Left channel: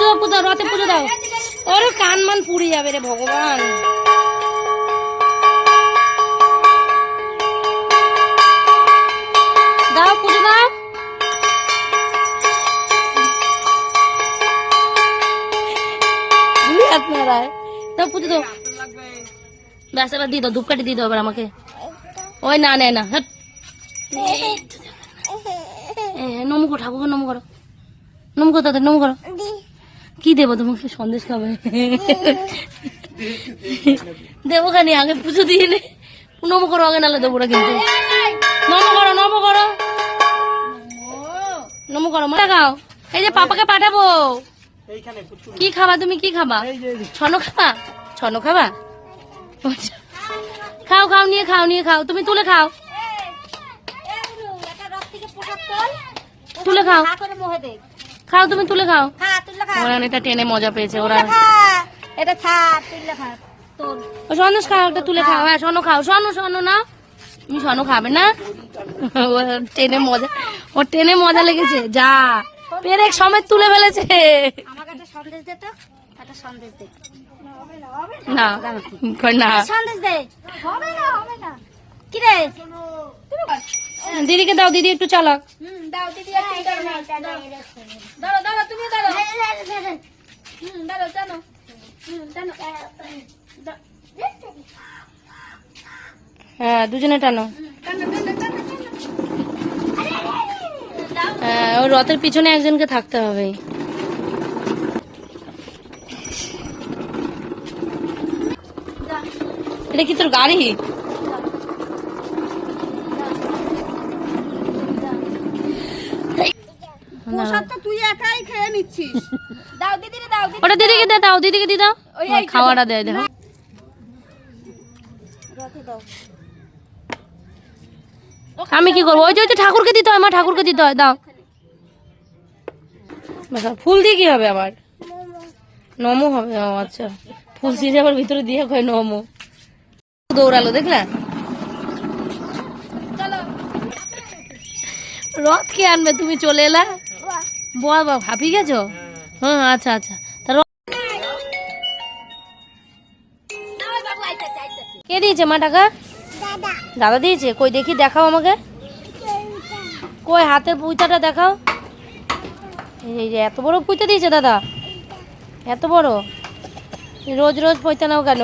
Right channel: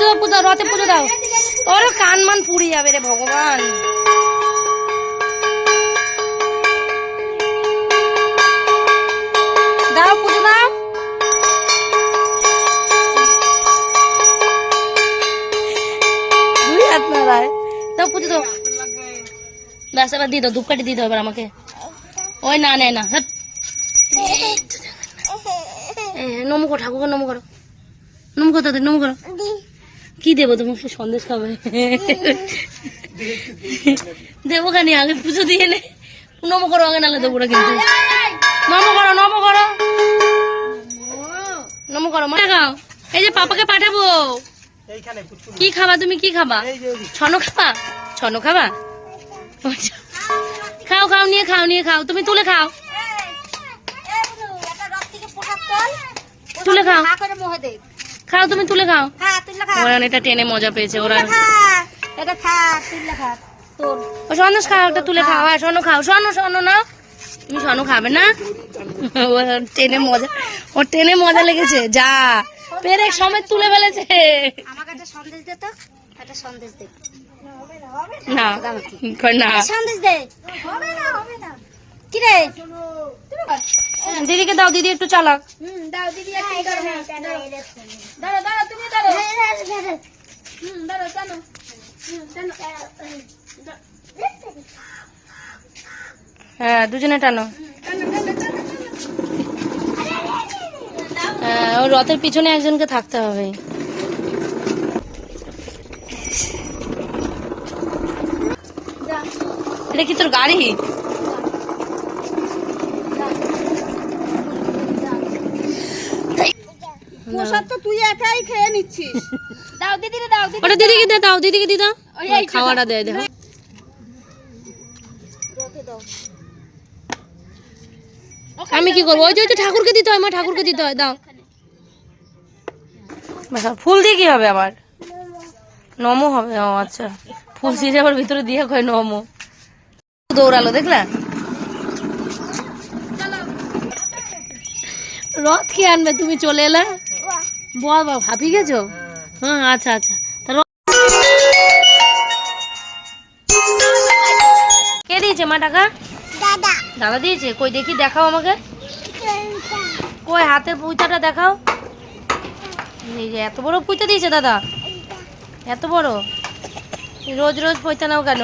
পুজো দাও পুজো রথে পুজো দাও। ওর কান মান পুড়ে যাবে রে ভগবান। দাও পুজো দাও। দুই হাত নাড়ায় দাও পুজো দাও। ব্যাস এবার দিয়ে দাও ধূপকাঠি দিয়ে দাও এবার আমাকে। ওই না নেয় না হাট। নমো করো ঠাকুরকে নমো করো। নমো করো তাদের নমো করো। কি দেবো তোমাকে সন্দেশ খাবে দেবো কেন আগে পুজো দিয়ে নে নমো করো আগে নালে দেবো না কিন্তু নমো করো নমো করো নমো করো মা খাও এই যে পাপাকে পাঠাবো কি খাবা তুমি কি খাবা ছনো খাবা ছনো খাবা আচ্ছা। খাও খাও নিয়ে খাও নিয়ে খাও তুমি তুলে খাও তুলে খাও খাও তুমি তুলে খাও ওরা এটা টেনে মজা পেয়েছে ওরা এটা খা তুই খা তোর। ও সন্দেশ খাও একটা তুলে খাও হ্যাঁ শোনো খাও শোনো শোনো না। তুমি শোনো খাবে না? ও টেনে মজা ওর টেনে মজা লেগেছে যা। পেরেক সময় তুলে ফেলেছে। আমার কাছে সন্দেশ দে তো একটা সন্দেশ দে। না না। সন্দেশ দে। হবে না হবে না। কি রে? দিদিকে দাও দিদি একটু চালাও দাও দিদি দাঁড়া দাঁড়া তুমি দাঁড়াও। হুম টানো টানো হ্যাঁ দুজনে টানো। হ্যাঁ ওই রথের পিছনে একজনকে থাকতে হবে। এটা কি তোর গাড়ি? প্রসাদ তো তুই একাই খেয়ে নিচ্ছিস। দাও দিদি দাও দিদি ওটা দিদিকে দিয়ে দাও দিদিকে দিয়ে দাও। খাওয়াটা দেয় দেখো। আমি কি করব? ওই যে ওই যে ঠাকুরকে দিতে হয় আমার ঠাকুরকে দিতে হয় দাও। ফুল দিয়ে কি হবে আবার? নমো হবে ও আচ্ছা। ফুল দিয়ে আবার ভিতরে দিয়ে কয় নমো। দৌড়ালো দেখ না রথ কে আনবে? তুমি চলে এলা। বাবা ভাবি গেছো? হ্যাঁ আচ্ছা আচ্ছা। তা রথ- কে দিয়েছে মা টাকা? দাদা। দাদা দিয়েছে? কই দেখি দেখাও আমাকে। কই হাতের পুঁতাটা দেখাও। এই যে এত বড় পুঁতে দিয়েছে দাদা। এত বড়? রোজ রোজ পয়তা নাও কেন?